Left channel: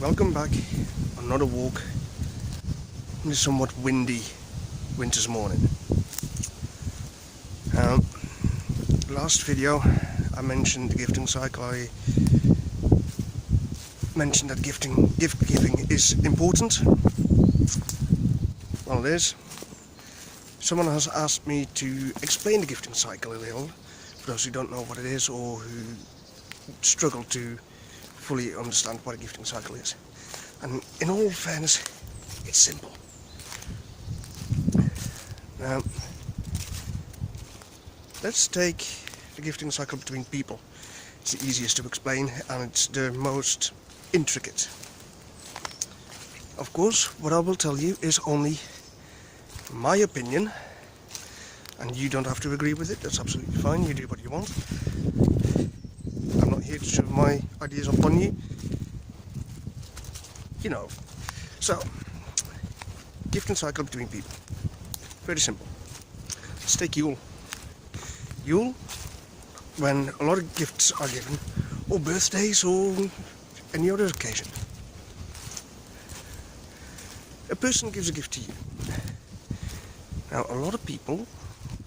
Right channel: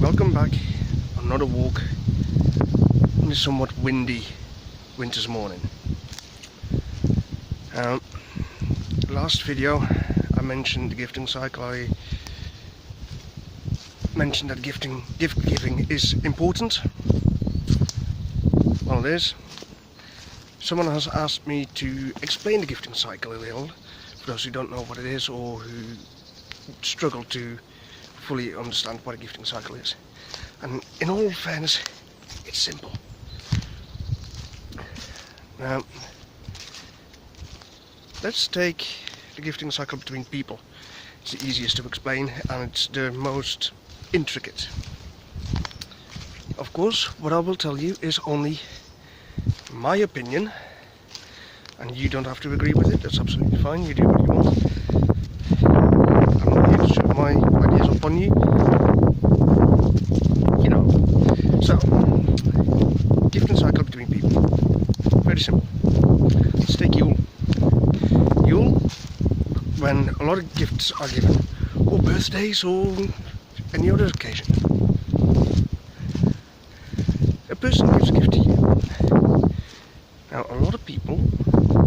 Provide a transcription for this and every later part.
Welcome back on another walk in a somewhat windy winter's morning. Last video I mentioned the gifting cycle. I mentioned that gift giving is important. Well, it is. Someone has asked me to explain the gifting cycle a little, for those who don't know what it is or who struggle to fully understand what a gifting cycle is. And in all fairness, it's simple. Now, let's take the gifting cycle between people. It's the easiest to explain and it's the most intricate. Of course, what I will tell you is only my opinion, and you don't have to agree with it. That's absolutely fine. You do what you want. I'm not here to shove my ideas upon you. You know. So, gifting cycle between people. Very simple. Let's take Yule. Yule, when a lot of gifts are given, or birthdays, or any other occasion. A person gives a gift to you. Now, a lot of people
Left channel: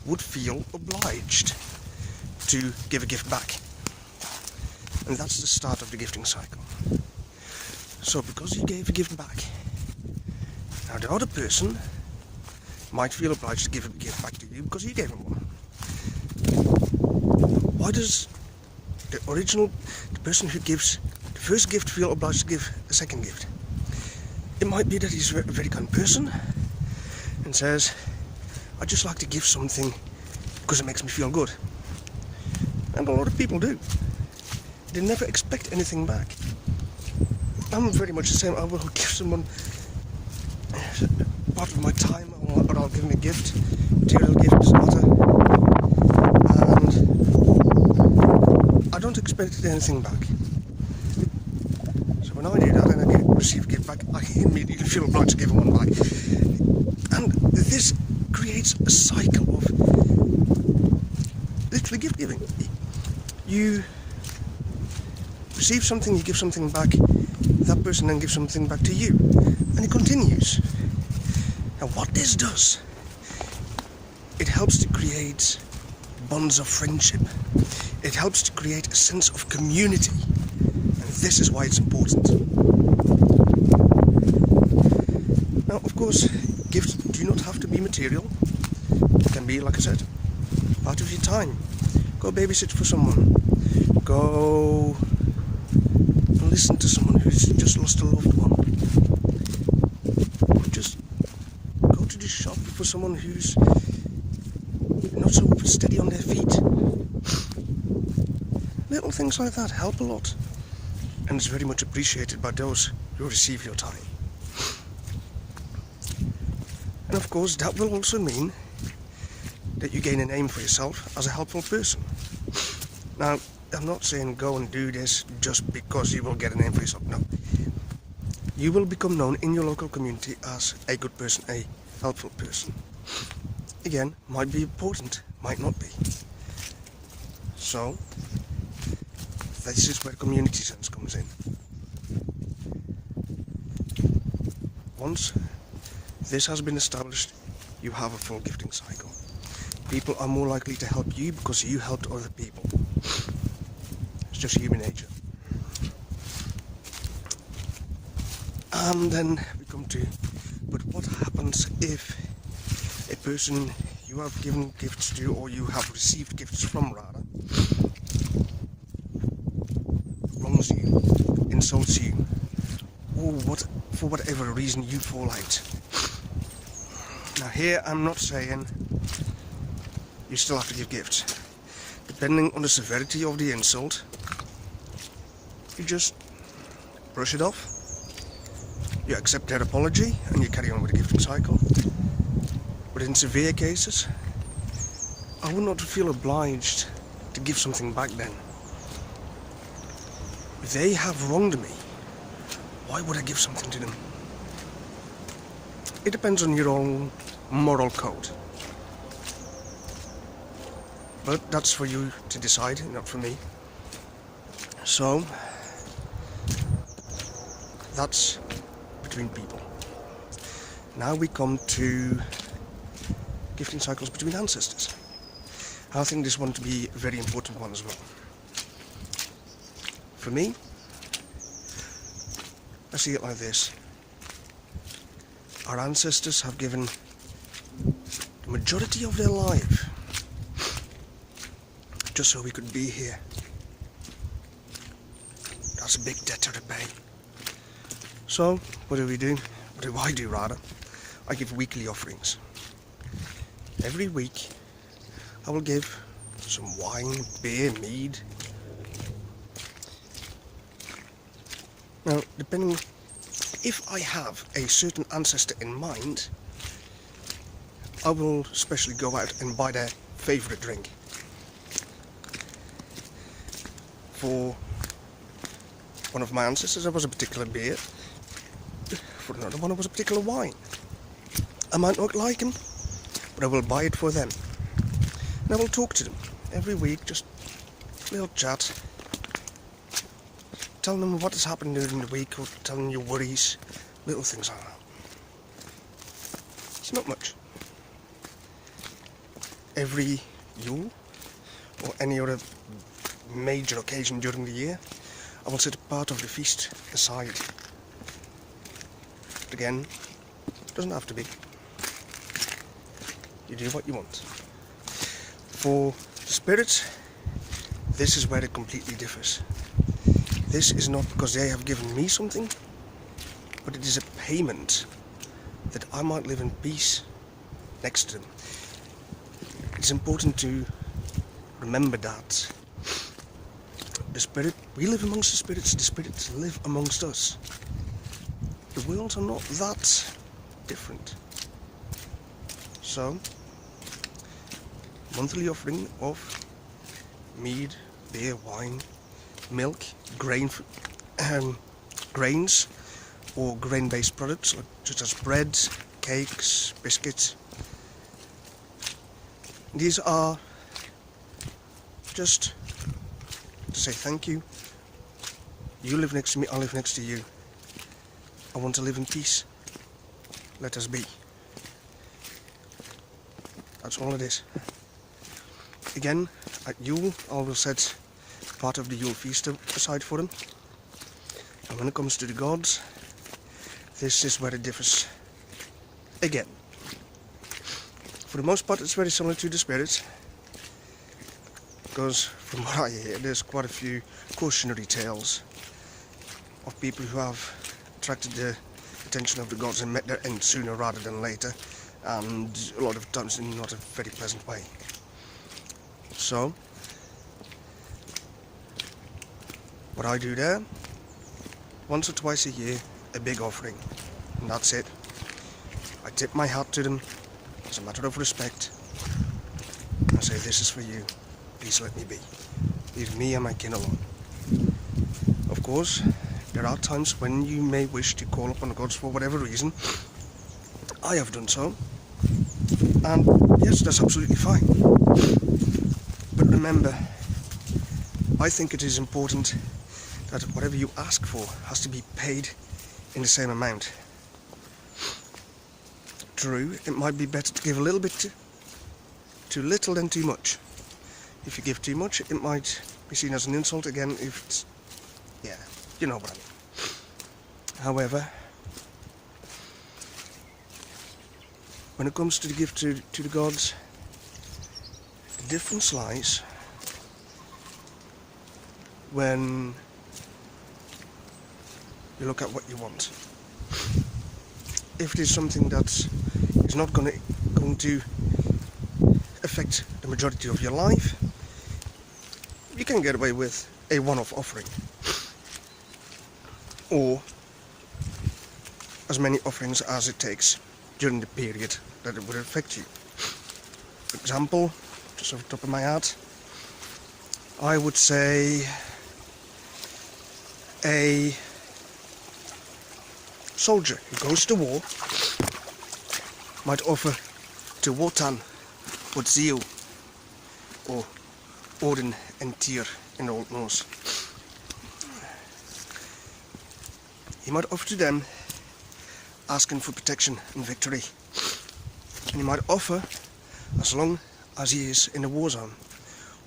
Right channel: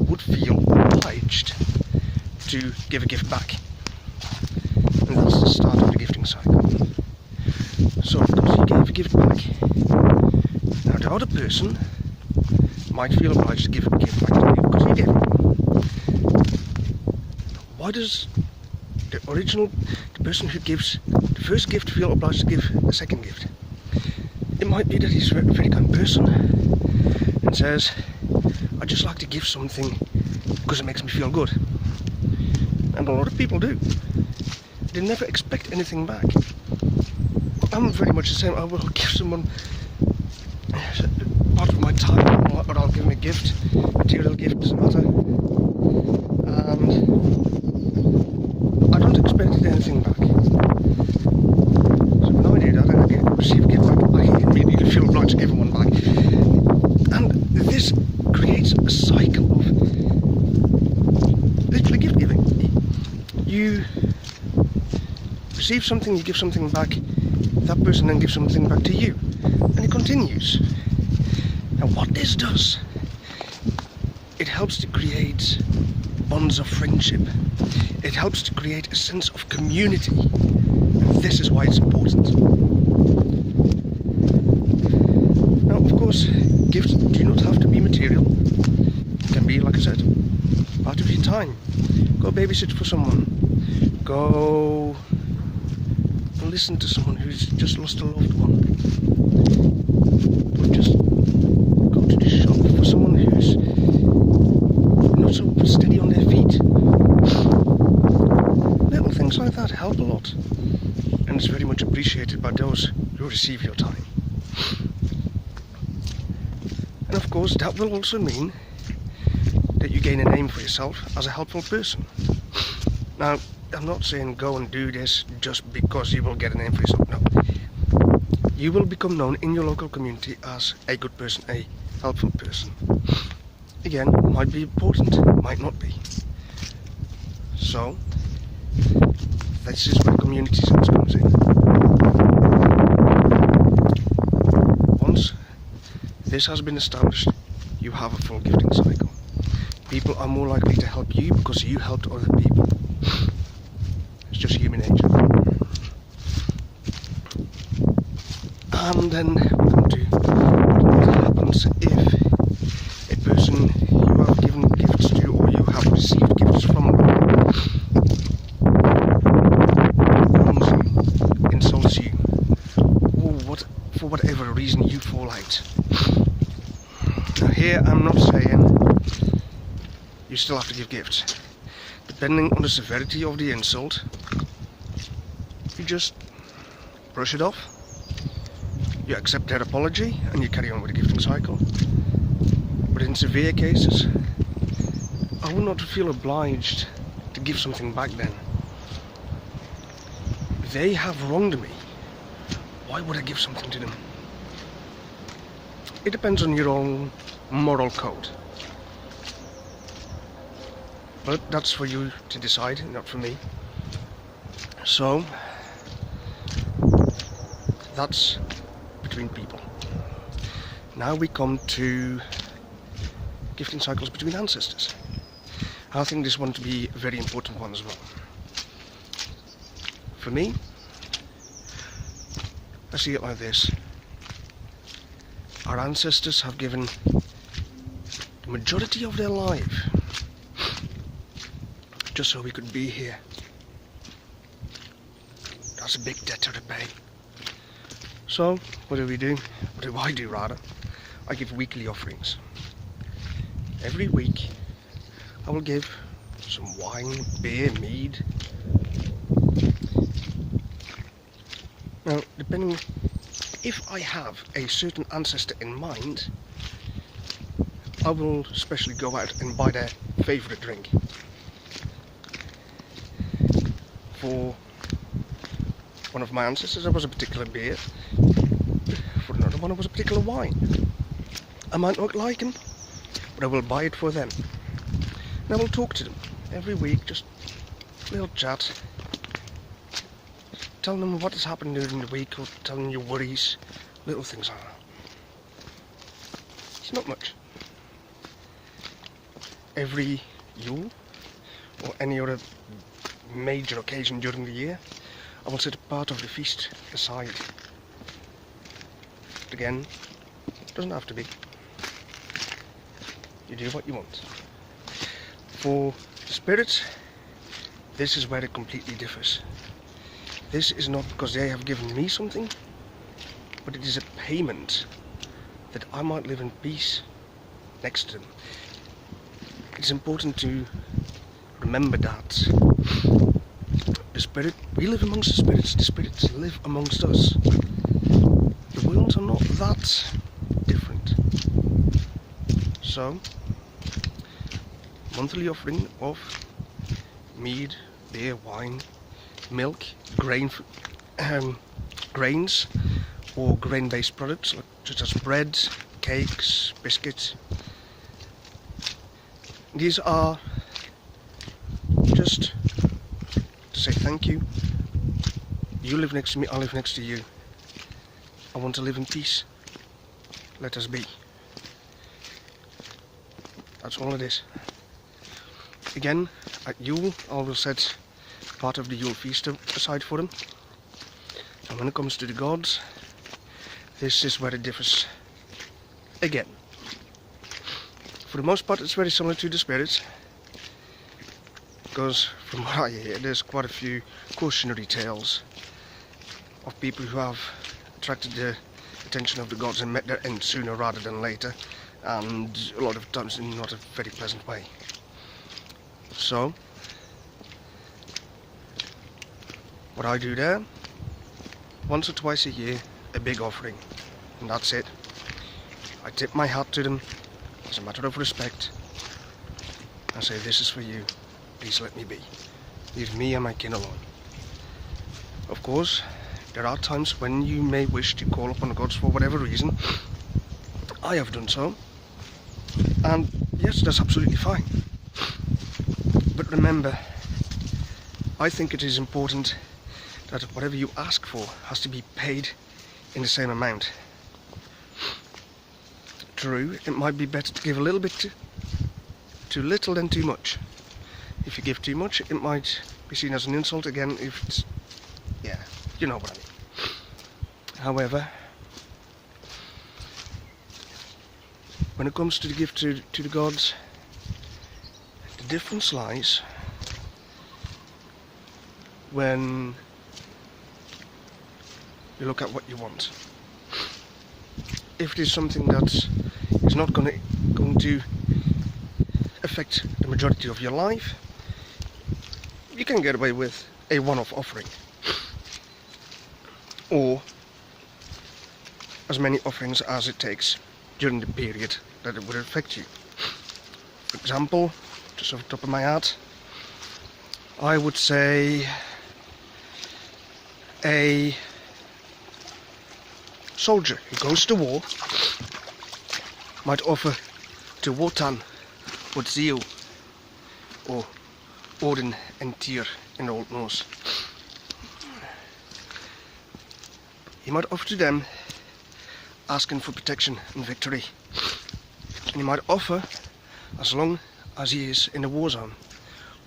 would feel obliged to give a gift back. And that's the start of the gifting cycle. So, because you gave a gift back, now the other person might feel obliged to give a gift back to you because you gave it. Why does the person who gives the first gift feel obliged to give a second gift? It might be that he's a very kind person and says, I just like to give something because it makes me feel good. And a lot of people do. They never expect anything back. I'm very much the same. I will give someone part of my time, or I'll give them a gift, material gift, doesn't matter. And I don't expect anything back. So when I do that and I receive a gift back, I immediately feel obliged to give them one back. And this creates a cycle of literally gift giving. You receive something, you give something back, that person then gives something back to you, and it continues. Now what this does, it helps to create bonds of friendship. It helps to create a sense of community, and this is why it's important. Now, of course, gifts do not have to be material. It can be, like I said, part of your time. Go babysit for someone. Go and listen to someone who's just lost a loved one. Or just go to the shop for someone who's not so steady on their feet. Little things like that help a lot. And it's very much appreciated by those who receive your time. And of course, that will also mean that you gain a name for yourself as a helpful person. Now, I'm not saying go and do this just because you will get a name for yourself. No. You will become known in your local community as a good person, a helpful person. Again, might be important, might not be. So, this is where community sense comes in. Once this has been established, you have a full gifting cycle. People are more likely to help you because you helped other people. It's just human nature. And then we come to what happens if a person you have given gifts to or you have received gifts from wrongs you, insults you, or for whatever reason you fall out. Now here I'm not saying you still have to give gifts. Depending on the severity of the insult, you just brush it off. You accept their apology and you carry on with the gifting cycle. But in severe cases, I would not feel obliged to give something back then. If they have wronged me, why would I give something to them? It depends on your own moral code. But that's for you to decide, not for me. So, That's between people. Now we come to gifting cycles between ancestors. I think this one to be a very important one as well. For me, I see it like this. Our ancestors have given the majority of their life just so we could be here. That's a big debt to repay. So, what do we do? What do I do rather? I give weekly offerings. Every week I will give some wine, beer, mead. Now, depending if I have a certain ancestor in mind, I will especially go out and buy their favourite drink. For one of my ancestors there was a particular beer, for another one it was a particular wine. I might not like him, but I will buy it for them. And I will talk to them every week, just a little chat. Tell them what has happened during the week, or tell them your worries, little things like that. It's not much. Every Yule, or any other major occasion during the year, I will set a part of the feast aside. But again, it doesn't have to be. You do what you want. For the spirits, this is where it completely differs. This is not because they have given me something, but it is a payment that I might live in peace next to them. It's important to remember that the spirit, we live amongst the spirits live amongst us. The worlds are not that different. So, monthly offering of mead, beer, wine, milk, grains or grain-based products such as bread, cakes, biscuits. These are just to say thank you. You live next to me, I live next to you. I want to live in peace. Let us be. That's all it is. Again, at Yule, I will set part of the Yule feast aside for them. And when it comes to the gods, this is where it differs again. For the most part, it's very similar to the spirits, because from what I hear, there's quite a few cautionary tales of people who have attracted the attention of the gods and met their end sooner rather than later, and a lot of times in not a very pleasant way. So, what I do there, once or twice a year, a big offering, and that's it. I tip my hat to them as a matter of respect. I say, this is for you, please let me be. Leave me and my kin alone. Of course, there are times when you may wish to call upon the gods for whatever reason. I have done so, and yes, that's absolutely fine. But remember, I think it is important that whatever you ask for has to be paid in the same amount. True, it might be better to give a little bit too little than too much. If you give too much, it might be seen as an insult again if it's, yeah, you know what I mean. However, when it comes to the gift to the gods, the difference lies when you look at what you want. If it is something that is not going to affect the majority of your life, you can get away with a one-off offering, or as many offerings as it takes during the period that it would affect you. For example, just off the top of my head, I would say a soldier who goes to war might offer to Wotan what zeal, or Odin and Tyr in Old Norse. he might offer to them asking for protection and victory. And he might offer as long as he is in a war zone,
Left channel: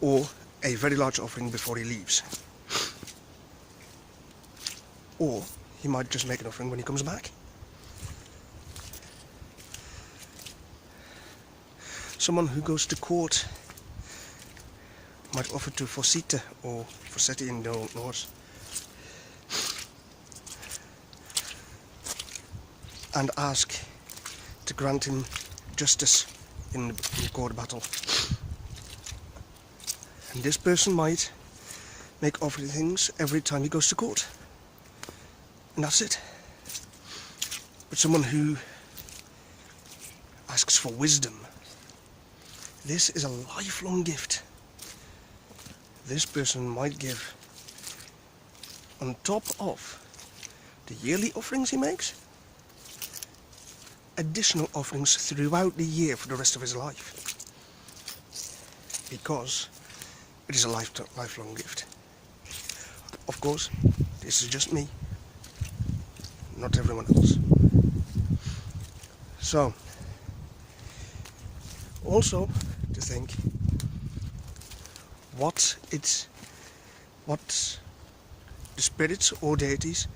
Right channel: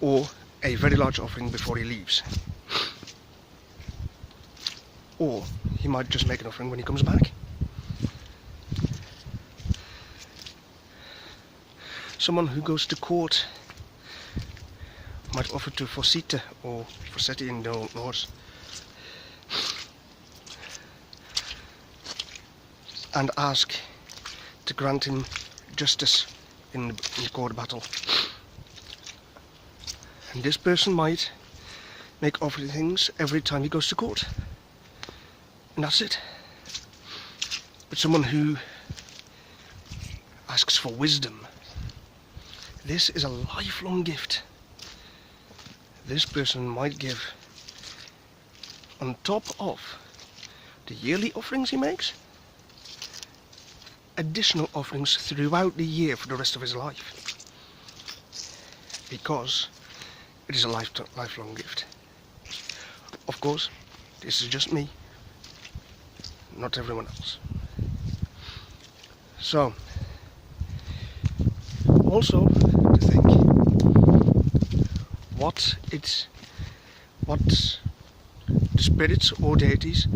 or a very large offering before he leaves. Or he might just make an offering when he comes back. Someone who goes to court might offer to forcite or forsetti in the old laws, and ask to grant him justice in the court battle. And this person might make offerings every time he goes to court, and that's it. But someone who asks for wisdom, this is a lifelong gift. This person might give, on top of the yearly offerings he makes, additional offerings throughout the year for the rest of his life, because it is a lifelong gift. Of course, this is just me, not everyone else. So, also to think what the spirits or deities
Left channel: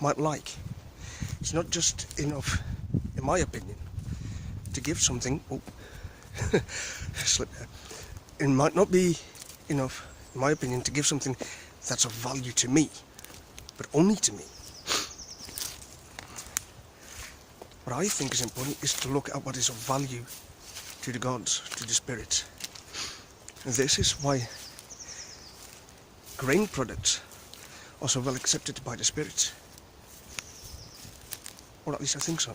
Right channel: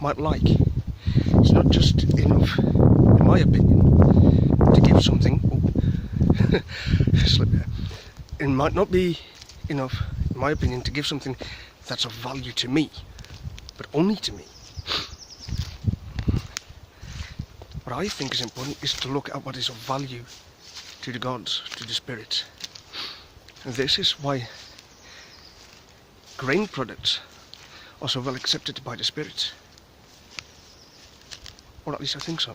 might like. It's not just enough, in my opinion, to give something. Oh, slip there. It might not be enough, in my opinion, to give something that's of value to me, but only to me. What I think is important is to look at what is of value to the gods, to the spirits. And this is why grain products are so well accepted by the spirits. Or at least I think so.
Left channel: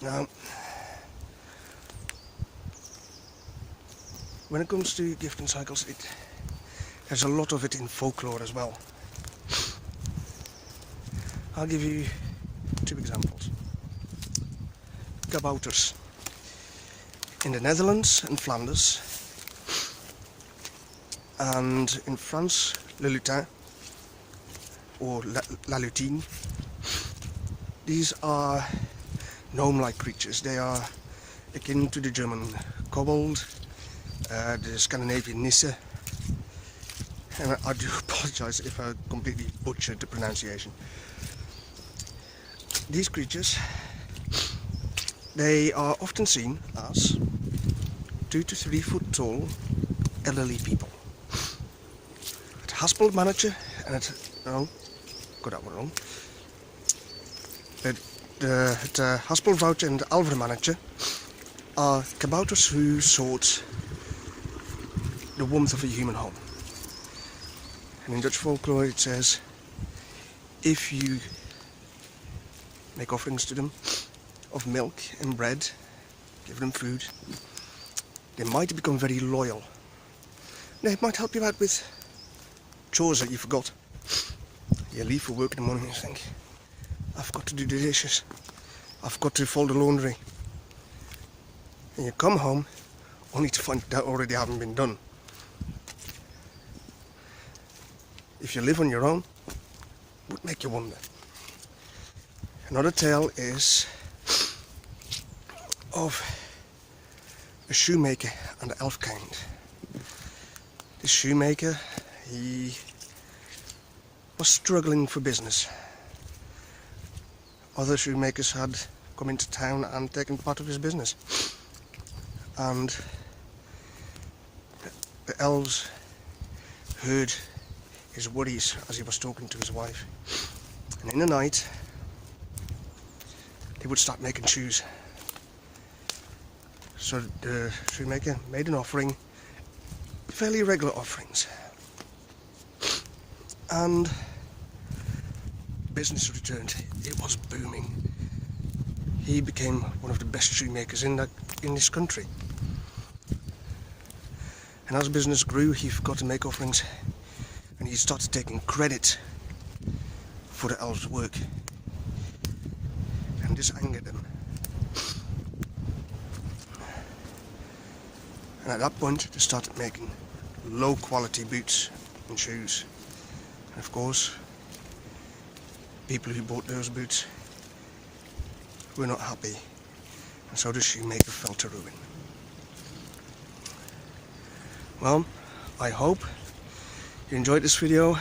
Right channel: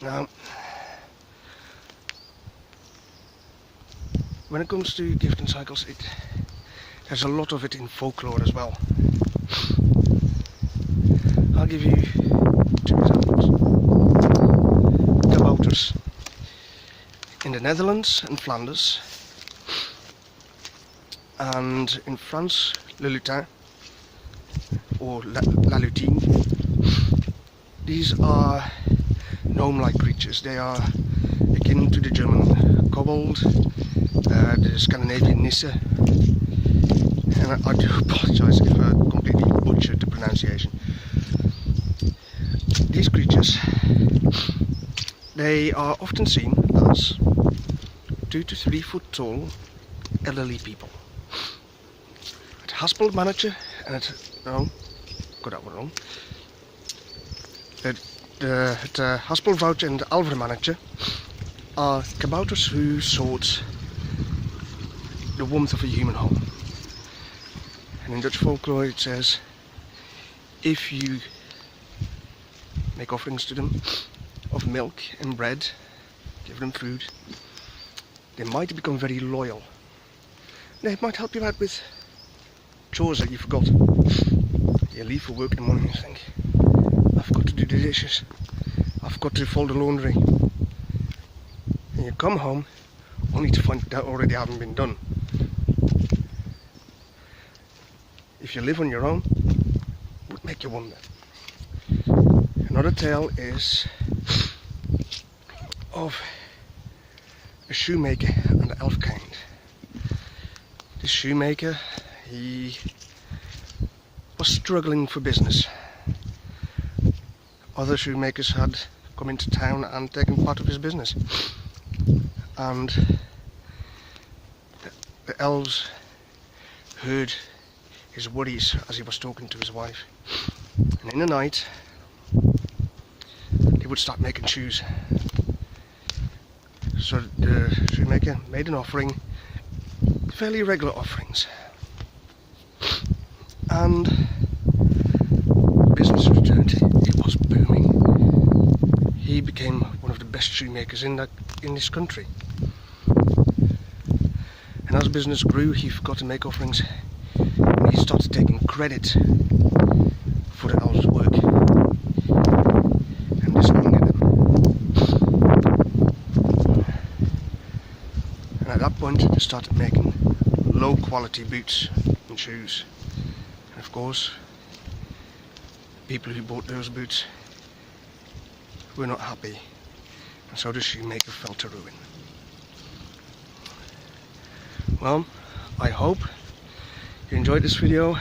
Now, when it comes to gifting cycles, there's a lot of it in folklore as well. I'll give you 2 examples. Kabouters. In the Netherlands and Flanders, and in France, le lutin, or la lutine. These are gnome-like creatures. They are akin to the German kobold, the Scandinavian nisse, and I do apologise if I completely butchered the pronunciation. These creatures, they are often seen as 2 to 3 foot tall elderly people. Het haspelmannetje en got that one wrong. Het haspelvrouwtje en het alvermannetje are kabouters who sought the warmth of a human home. And in Dutch folklore it says, if you make offerings to them of milk and bread, give them food, they might become very loyal. They might help you out with chores that you forgot. You leave for work in the morning and you think, I've got to do the dishes, I've got to fold the laundry. And you come home only to find that already haven't been done. If you live on your own, it would make you wonder. Another tale is of a shoemaker and the elf kind. This shoemaker, he was struggling for business. Other shoemakers had come into town and taken part of his business. And the elves heard his worries as he was talking to his wife. And in the night, they would start making shoes. So the shoemaker made an offering, fairly regular offerings. And business returned. It was booming. He became one of the best shoemakers in this country. And as business grew, he forgot to make offerings. And he started taking credit for the elves' work. And this angered them. And at that point, they started making low quality boots and shoes. And of course, people who bought those boots were not happy, and so the shoemaker fell to ruin. Well, I hope you enjoyed this video.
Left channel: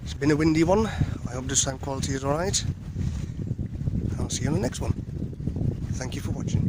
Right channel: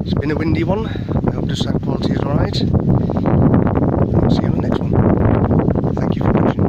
It's been a windy one. I hope the sound quality is alright. I'll see you on the next one. Thank you for watching.